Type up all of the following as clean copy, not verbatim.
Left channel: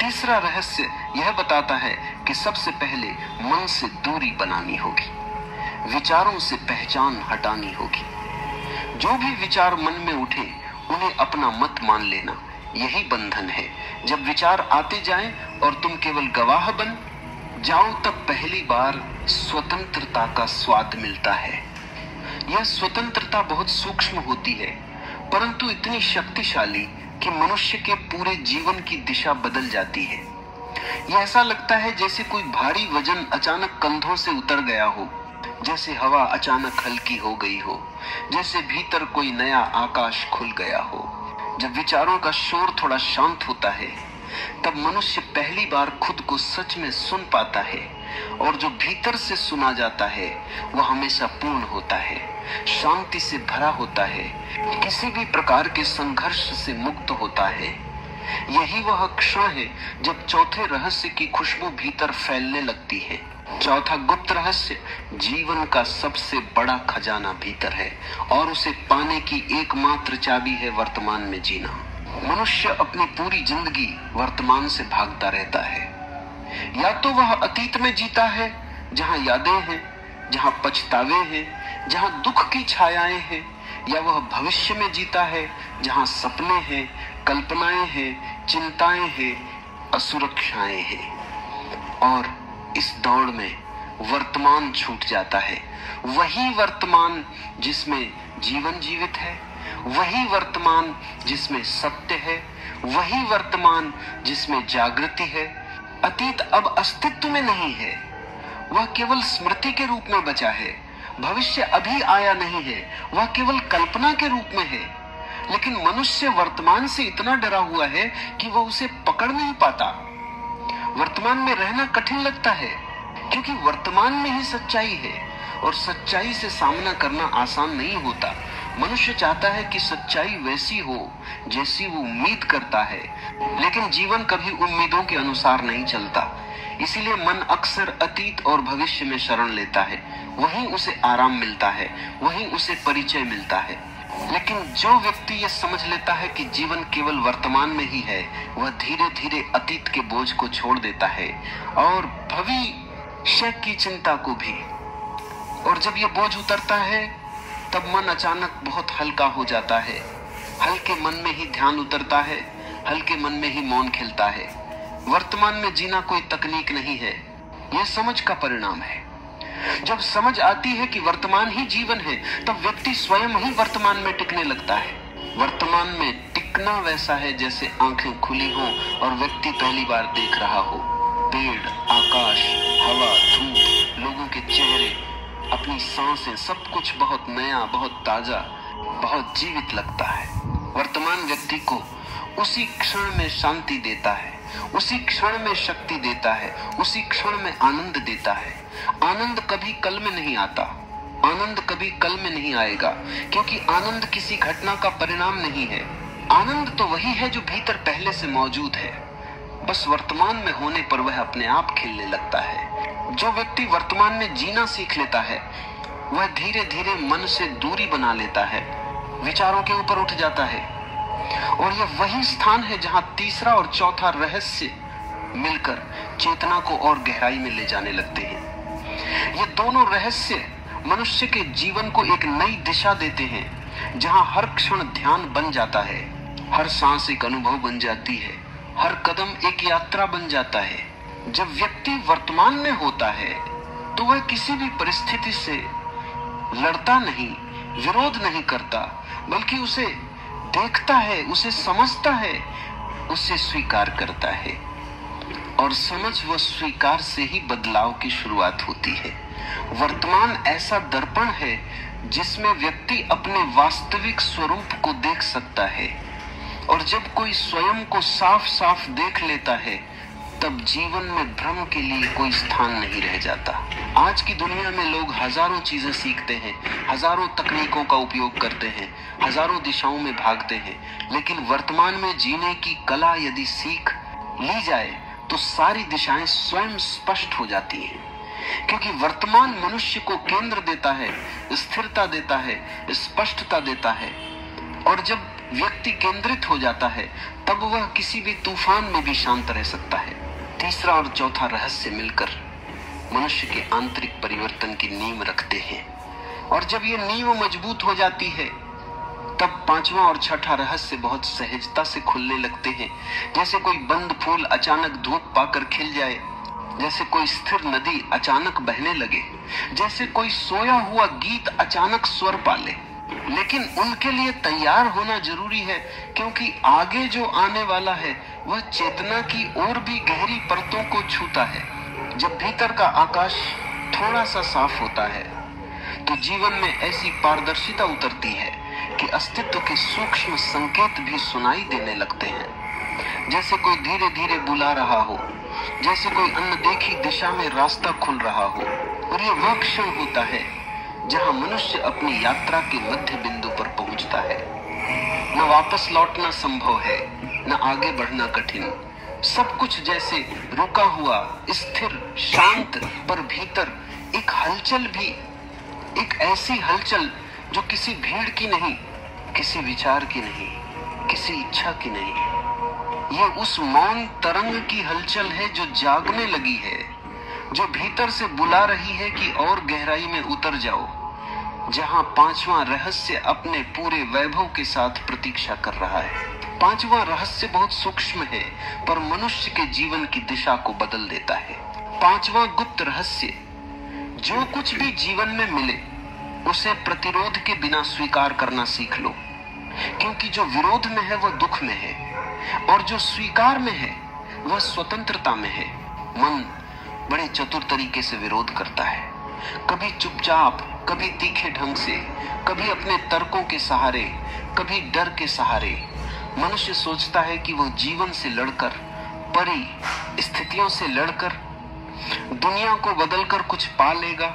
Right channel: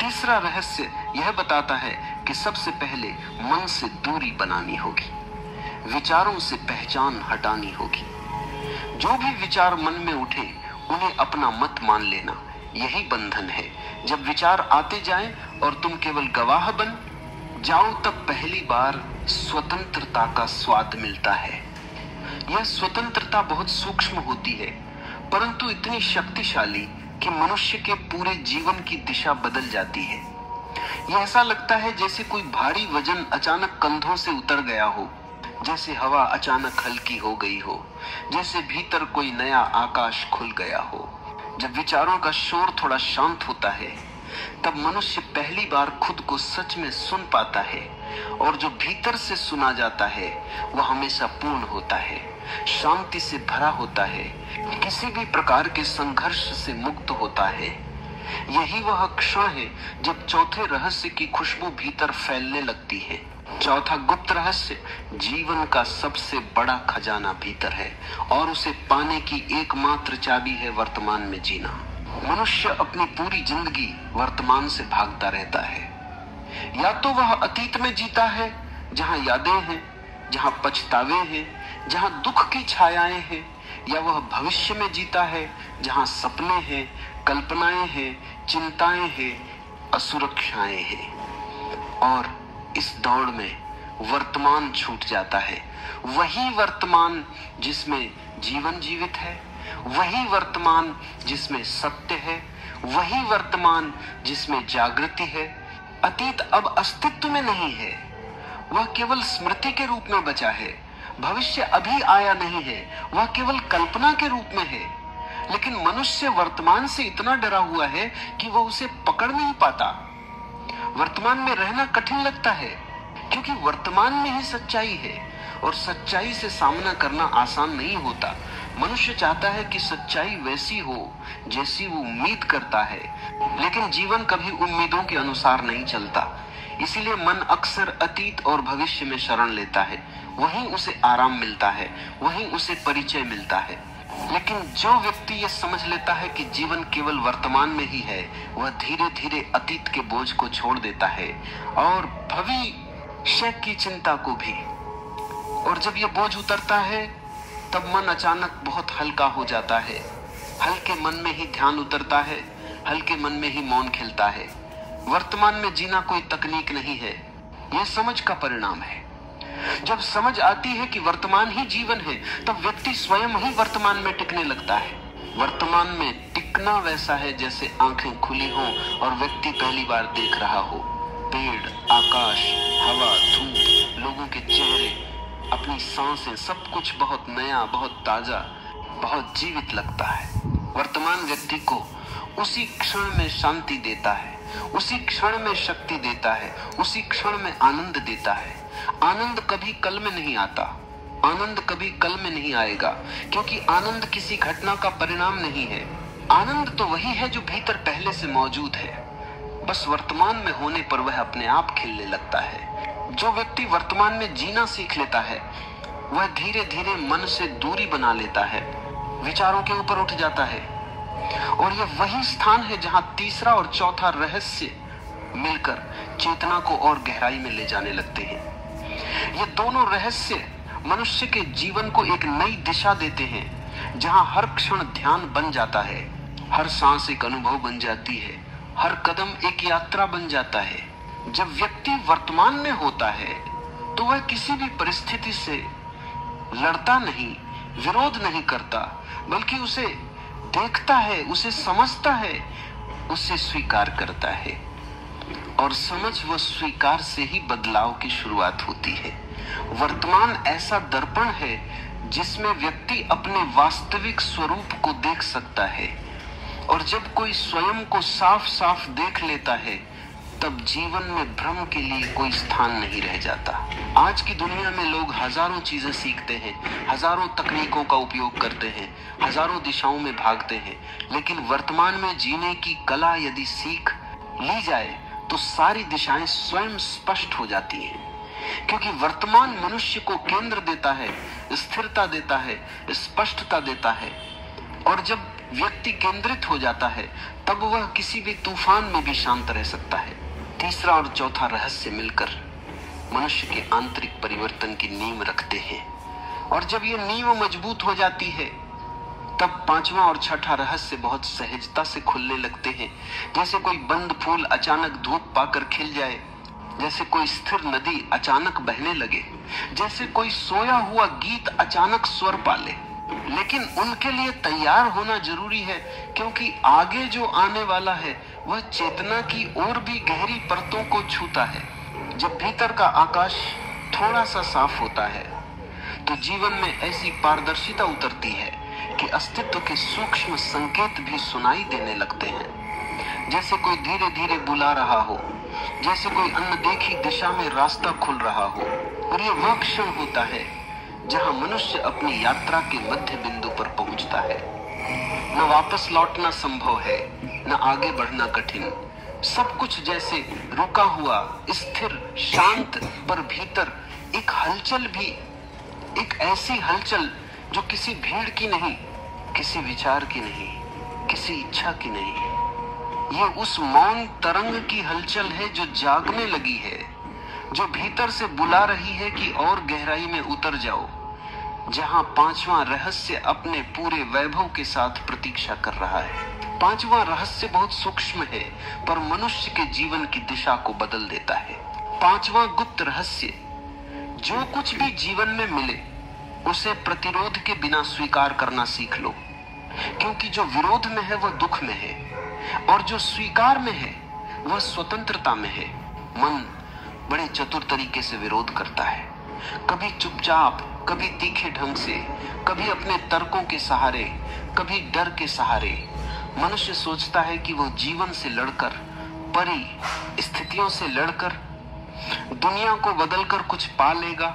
तीसरा रहस्य यह बताता है कि सबसे पहले मन से दूरी बनानी होगी, विचारों से पहचान हटानी होगी। जो भी विचार मन में उठे उन्हें अपना मत मान लेना, यही बंधन है। जब विचार आते जाएं और तुम केवल गवाह बन जाओ, तब पहली बार स्वतंत्रता का स्वाद मिलता है। यह स्वतंत्रता बहुत सूक्ष्म होती है, परंतु इतनी शक्तिशाली कि मनुष्य के पूरे जीवन की दिशा बदल जाती है। यह ऐसा लगता है जैसे कोई भारी वजन अचानक कंधों से उतर गया हो, जैसे हवा अचानक हल्की हो गई हो, जैसे भीतर कोई नया आकाश खुल गया हो। जब विचारों का शोर थोड़ा शांत होता है, तब मनुष्य पहली बार खुद को सच में सुन पाता है, और जो भीतर से सुना जाता है वह हमेशा पूर्ण होता है, शांति से भरा होता है, किसी भी प्रकार के संघर्ष से मुक्त होता है। यही वह क्षण है जब चौथे रहस्य की खुशबू भीतर फैलने लगती है। चौथा गुप्त रहस्य जीवन का सबसे बड़ा खजाना भीतर है, और उसे पाने की एकमात्र चाबी है वर्तमान में जीना। मनुष्य अपनी पूरी जिंदगी वर्तमान से भागता रहता है। या तो वह अतीत में जीता है, जहां यादें हैं, जहां पछतावे हैं, जहां दुख की छायाएं हैं, या वह भविष्य में जीता है, जहां सपने हैं, कल्पनाएं हैं, चिंताएं हैं, असुरक्षाएं हैं। और इस दौड़ में वर्तमान छूट जाता है। वही वर्तमान जिसमें जीवन जीवित है, वही वर्तमान जिसमें सत्य है, वही वर्तमान जिसमें जागृति है। अतीत अब अस्तित्व में नहीं है, वह केवल स्मृति के रूप में बचा है। भविष्य अभी आया नहीं है, वह केवल कल्पना के रूप में है। लेकिन मनुष्य वर्तमान से इतना डरा हुआ है कि वह उसे पकड़ नहीं पाता। वर्तमान में रहना कठिन लगता है, क्योंकि वर्तमान में ही सच्चाई है, और सच्चाई से सामना करना आसान नहीं होता। मनुष्य चाहता है कि सच्चाई वैसी हो जैसी वो उम्मीद करता है, लेकिन जीवन कभी उम्मीदों के अनुसार नहीं चलता। इसीलिए मन अक्सर अतीत और भविष्य में शरण लेता है। वहीं उसे आराम मिलता है, वहीं उसे परिचय मिलता है। लेकिन जो व्यक्ति ये समझ लेता है कि जीवन केवल वर्तमान में ही है, वह धीरे धीरे अतीत के बोझ को छोड़ देता है और भविष्य की चिंता को भी। और जब ये बोझ उतरता है, तब मन अचानक बहुत हल्का हो जाता है। हल्के मन में ही ध्यान उतरता है, हल्के मन में ही मौन खिलता है। वर्तमान में जीना कोई तकनीक नहीं है, यह समझ का परिणाम है। जब समझ आती है कि वर्तमान ही जीवन है, तब व्यक्ति स्वयं ही वर्तमान में टिकने लगता है। वर्तमान में टिकना वैसा है जैसे आंखें खुली हों और व्यक्ति पहली बार देख रहा हो। पेड़, आकाश, हवा, धूप, लोगों के चेहरे, अपनी सांसें, सब कुछ बहुत नया, बहुत ताजा, बहुत जीवित लगता है। वर्तमान व्यक्ति को उसी क्षण में शांति देता है, उसी क्षण में शक्ति देता है, उसी क्षण में आनंद देता है। आनंद कभी कल में नहीं आता, आनंद कभी कल में नहीं आएगा, क्योंकि आनंद किसी घटना का परिणाम नहीं है। आनंद तो वही है जो भीतर पहले से मौजूद है, बस वर्तमान में होने पर वह अपने आप खिलने लगता है। जो व्यक्ति वर्तमान में जीना सीख लेता है, वह धीरे धीरे मन से दूरी बना लेता है, विचारों के ऊपर उठ जाता है। और यह वही स्थान है जहां तीसरा और चौथा रहस्य मिलकर चेतना को और गहराई में ले जाने लगते हैं। ये दोनों रहस्य मनुष्य के जीवन को एक नई दिशा देते हैं, जहां हर क्षण ध्यान बन जाता है, हर सांस एक अनुभव बन जाती है, हर कदम एक यात्रा बन जाता है। जब व्यक्ति वर्तमान में होता है, तो वह किसी भी परिस्थिति से लड़ता नहीं, विरोध नहीं करता, बल्कि उसे देखता है, उसे समझता है, उसे स्वीकार करता है। और समझ व स्वीकार से ही बदलाव की शुरुआत होती है। वर्तमान ऐसा दर्पण है जिसमें व्यक्ति अपने वास्तविक स्वरूप को देख सकता है, और जब कोई स्वयं को साफ साफ देख लेता है, तब जीवन में भ्रम के लिए कोई स्थान नहीं रह जाता। आज की दुनिया में लोग हजारों चीजें सीखते हैं, हजारों तकनीकों का उपयोग करते हैं, हजारों दिशाओं में भागते हैं, लेकिन वर्तमान में जीने की कला यदि सीख ली जाए तो सारी दिशाएं स्वयं स्पष्ट हो जाती हैं। क्योंकि वर्तमान मनुष्य को केंद्र देता है, स्थिरता देता है, स्पष्टता देता है। और जब व्यक्ति केंद्रित हो जाता है, तब वह किसी भी तूफान में भी शांत रह सकता है। तीसरा और चौथा रहस्य मिलकर मनुष्य के आंतरिक परिवर्तन की नींव रखते हैं, और जब ये नींव मजबूत हो जाती है तब पांचवा और छठा रहस्य बहुत सहजता से खुलने लगते हैं। जैसे कोई बंद फूल अचानक धूप पाकर खिल जाए, जैसे कोई स्थिर नदी अचानक बहने लगे, जैसे कोई सोया हुआ गीत अचानक स्वर पाले। लेकिन उनके लिए तैयार होना जरूरी है, क्योंकि आगे जो आने वाला है वह चेतना की और भी गहरी परतों को छूता है। जब भीतर का आकाश थोड़ा सा साफ होता है तो जीवन में ऐसी पारदर्शिता उतरती है कि अस्तित्व के सूक्ष्म संकेत भी सुनाई देने लगते हैं। जैसे कोई धीरे धीरे बुला रहा हो, जैसे कोई अनदेखी दिशा में रास्ता खुल रहा हो। और ये वह क्षण होता है जहां मनुष्य अपनी यात्रा के मध्य बिंदु पर पहुंचता है। न वापस लौटना संभव है, न आगे बढ़ना कठिन। सब कुछ जैसे रुका हुआ, स्थिर, शांत, पर भीतर एक हलचल भी, एक ऐसी हलचल जो किसी भीड़ की नहीं, किसी विचार की नहीं, किसी इच्छा की नहीं। ये उस मौन तरंग की हलचल है जो जागने लगी है, जो भीतर से बुला रही है कि और गहराई में उतर जाओ, जहां पांचवा रहस्य अपने पूरे वैभव के साथ प्रतीक्षा कर रहा है। पांचवा रहस्य बहुत सूक्ष्म है, पर मनुष्य के जीवन की दिशा को बदल देता है। पांचवा गुप्त रहस्य, जो कुछ भी जीवन में मिले उसे प्रतिरोध के बिना स्वीकार करना सीख लो, क्योंकि जो विरोध में है वह दुख में है, और जो स्वीकार में है वह स्वतंत्रता में है। मन बड़े चतुर तरीके से विरोध करता है, कभी चुपचाप, कभी तीखे ढंग से, कभी अपने तर्कों के सहारे, कभी डर के सहारे। मनुष्य सोचता है कि वह जीवन से लड़कर, परिस्थितियों से लड़कर, दुनिया को बदलकर कुछ पा लेगा,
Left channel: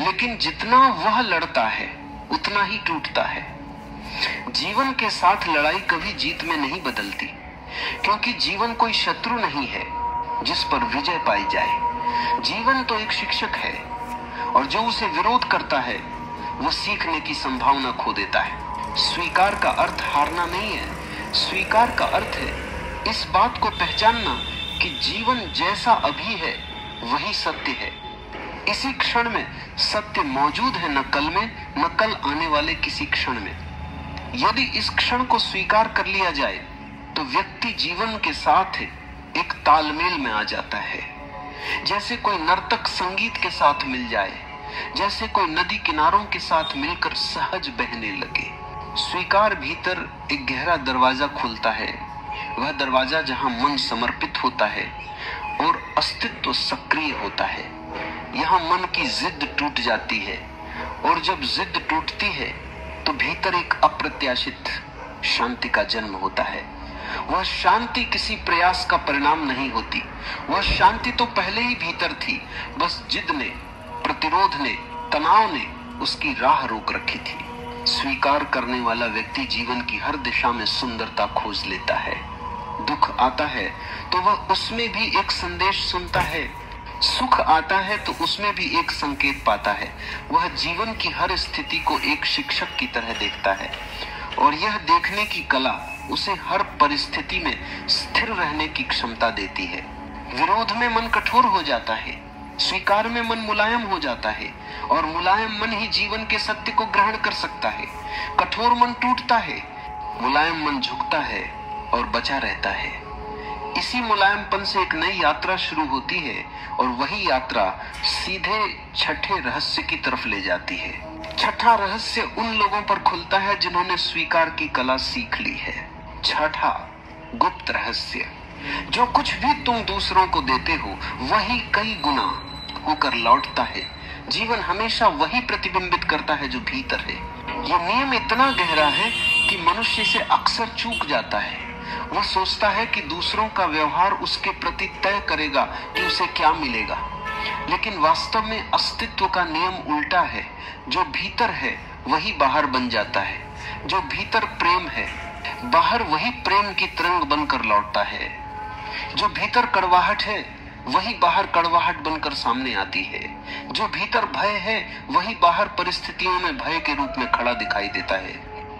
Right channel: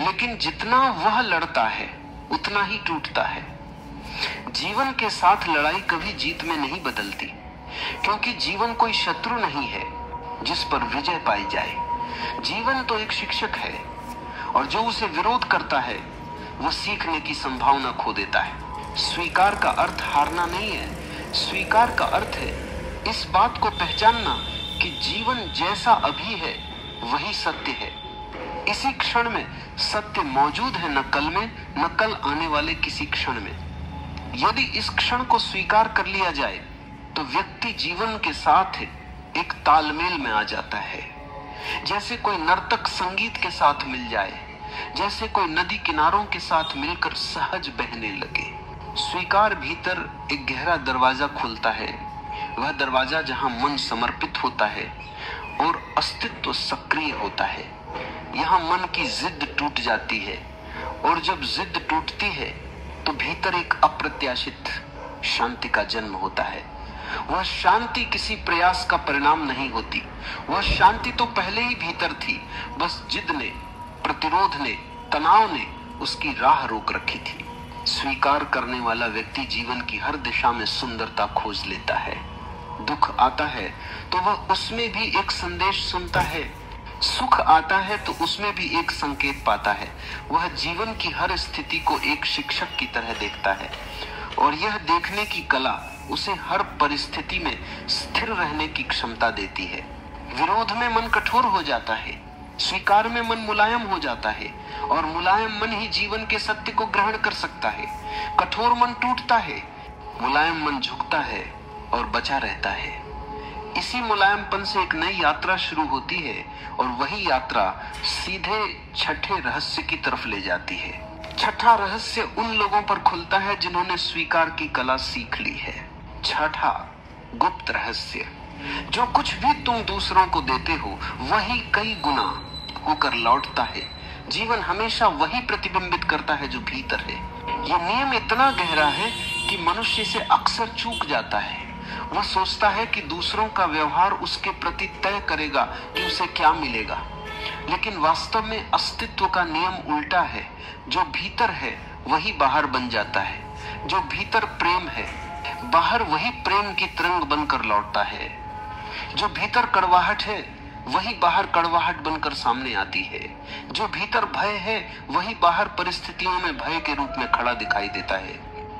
लेकिन जितना वह लड़ता है उतना ही टूटता है। जीवन के साथ लड़ाई कभी जीत में नहीं बदलती, क्योंकि जीवन कोई शत्रु नहीं है जिस पर विजय पाई जाए। जीवन तो एक शिक्षक है, और जो उसे विरोध करता है वह सीखने की संभावना खो देता है। स्वीकार का अर्थ हारना नहीं है, स्वीकार का अर्थ है इस बात को पहचानना कि जीवन जैसा अभी है वही सत्य है। इसी क्षण में सत्य मौजूद है, न कल में, न कल आने वाले किसी क्षण में। यदि इस क्षण को स्वीकार कर लिया जाए तो व्यक्ति जीवन के साथ एक तालमेल में आ जाता है। जैसे कोई नर्तक संगीत के साथ मिल जाए, जैसे कोई नदी किनारों के साथ मिलकर सहज बहने लगे। स्वीकार भीतर एक गहरा दरवाजा खुलता है, वह दरवाजा जहां मन समर्पित होता है और अस्तित्व सक्रिय होता है। यहाँ मन की जिद टूट जाती है, और जब जिद टूटती है तो भीतर एक अप्रत्याशित शांति का जन्म होता है। वह शांति किसी प्रयास का परिणाम नहीं होती, वह शांति तो पहले ही भीतर थी, बस जिद ने, प्रतिरोध ने, तनाव ने उसकी राह रोक रखी थी। स्वीकार करने वाला व्यक्ति जीवन की हर दिशा में सुंदरता खोज लेता है। दुख आता है तो वह उसमें भी एक संदेश सुनता है, सुख आता है तो उसमें भी एक संकेत पाता है। वह जीवन की हर स्थिति को एक शिक्षक की तरह देखता है, और यह देखने की कला उसे हर परिस्थिति में स्थिर रहने की क्षमता देती है। विरोध में मन कठोर हो जाता है, स्वीकार में मन मुलायम हो जाता है, और मुलायम मन ही जीवन के सत्य को ग्रहण कर सकता है। कठोर मन टूटता है, मुलायम मन झुकता है और बचा रहता है। इसी मुलायमपन से एक नई यात्रा शुरू होती है, और वही यात्रा सीधे छठे रहस्य की तरफ ले जाती है। छठा रहस्य उन लोगों पर खुलता है जिन्होंने स्वीकार की कला सीख ली है। छठा गुप्त रहस्य, जो कुछ भी तुम दूसरों को देते हो वही कई गुना होकर लौटता है। जीवन हमेशा वही प्रतिबिंबित करता है जो भीतर है। यह नियम इतना गहरा है कि मनुष्य से अक्सर चूक जाता है। वह सोचता है कि दूसरों का व्यवहार उसके प्रति तय करेगा कि उसे क्या मिलेगा, लेकिन वास्तव में अस्तित्व का नियम उल्टा है। जो भीतर है वही बाहर बन जाता है। जो भीतर प्रेम है, बाहर वही प्रेम की तरंग बनकर लौटता है। जो भीतर कड़वाहट है वही बाहर कड़वाहट बनकर सामने आती है। जो भीतर भय है वही बाहर परिस्थितियों में भय के रूप में खड़ा दिखाई देता है।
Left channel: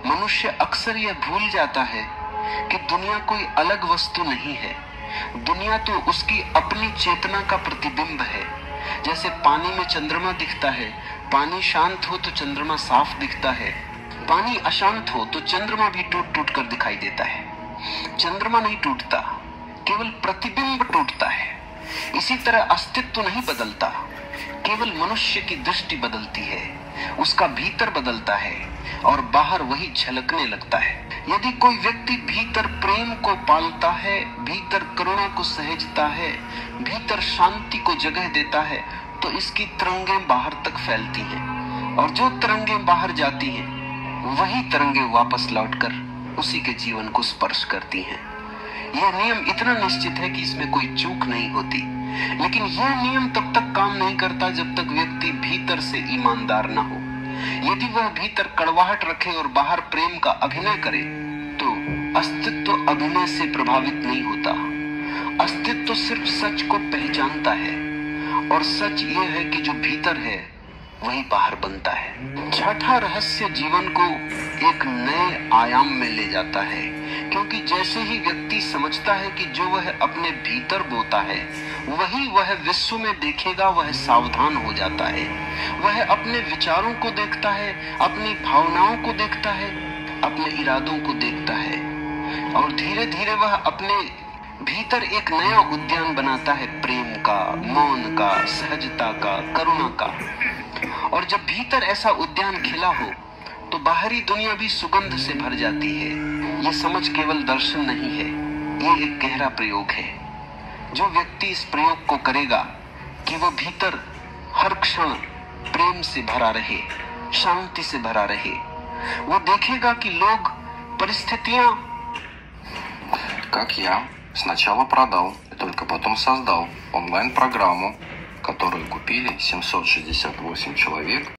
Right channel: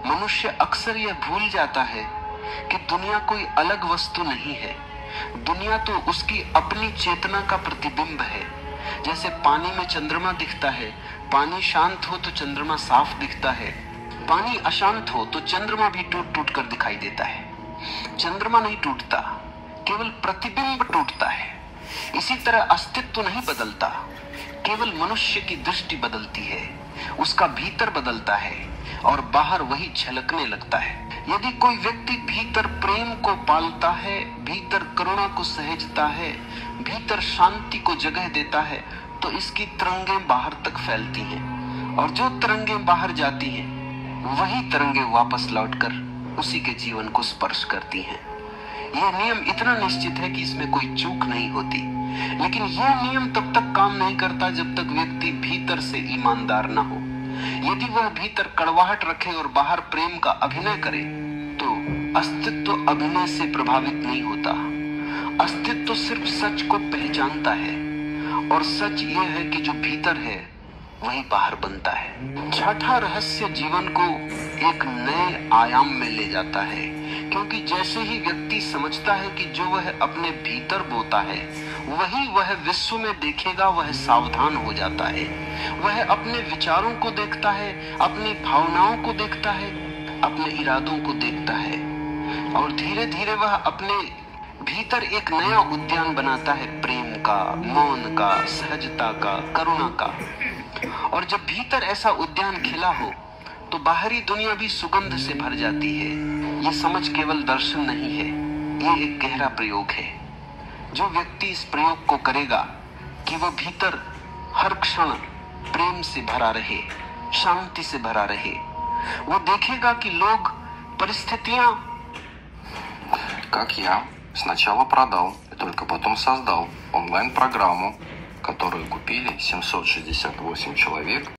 मनुष्य अक्सर यह भूल जाता है कि दुनिया कोई अलग वस्तु नहीं है। दुनिया तो उसकी अपनी चेतना का प्रतिबिंब है। जैसे पानी में चंद्रमा दिखता है, पानी शांत हो तो चंद्रमा साफ दिखता है, पानी अशांत हो तो चंद्रमा भी टूट टूट कर दिखाई देता है। चंद्रमा नहीं टूटता, केवल प्रतिबिंब टूटता है। इसी तरह अस्तित्व नहीं बदलता, केवल मनुष्य की दृष्टि बदलती है, उसका भीतर बदलता है और बाहर वही झलकने लगता है। यदि कोई व्यक्ति भीतर प्रेम को पालता है, भीतर करुणा को सहेजता है, भीतर शांति को जगह देता है, तो इसकी तरंगें बाहर तक फैलती हैं और जो तरंगें बाहर जाती हैं वही तरंगें वापस लौटकर उसी के जीवन को स्पर्श करती हैं। यह नियम इतना निश्चित है कि इसमें कोई चूक नहीं होती, लेकिन यह नियम तब तक काम नहीं करता जब तक व्यक्ति भीतर से ईमानदार न हो। यदि वह भीतर कड़वाहट रखे और बाहर प्रेम का अभिनय करे तो अस्तित्व अभिनय से प्रभावित नहीं होता। अस्तित्व सिर्फ सच को पहचानता है और सच यह है कि जो भीतर है वही बाहर बनता है। छठा रहस्य जीवन को एक नए आयाम में ले जाता है, क्योंकि जैसे ही व्यक्ति समझता है कि जो वह अपने भीतर बोता है वही वह विश्व में देखेगा, वह सावधान हो जाता है। वह अपने विचारों को देखता है, अपनी भावनाओं को देखता है, अपने इरादों को देखता है और धीरे धीरे वह अपने भीतर एक नया उद्यान बनाता है, प्रेम का, मौन का, सहजता का, करुणा का। और जब भीतर ऐसा उद्यान खिला हो तो बाहरी दुनिया भी सुगंध से भर जाती है। ये समझ केवल दर्शन नहीं है, ये एक गहरा प्रयोग है। जो व्यक्ति इस प्रयोग को करेगा कि वह भीतर हर क्षण प्रेम से भरा रहे, शांति से भरा रहे, वो देखेगा कि लोग, परिस्थितियां। Как я сначала продал и только потом создал онлайн-программу, которую купили 768 человек.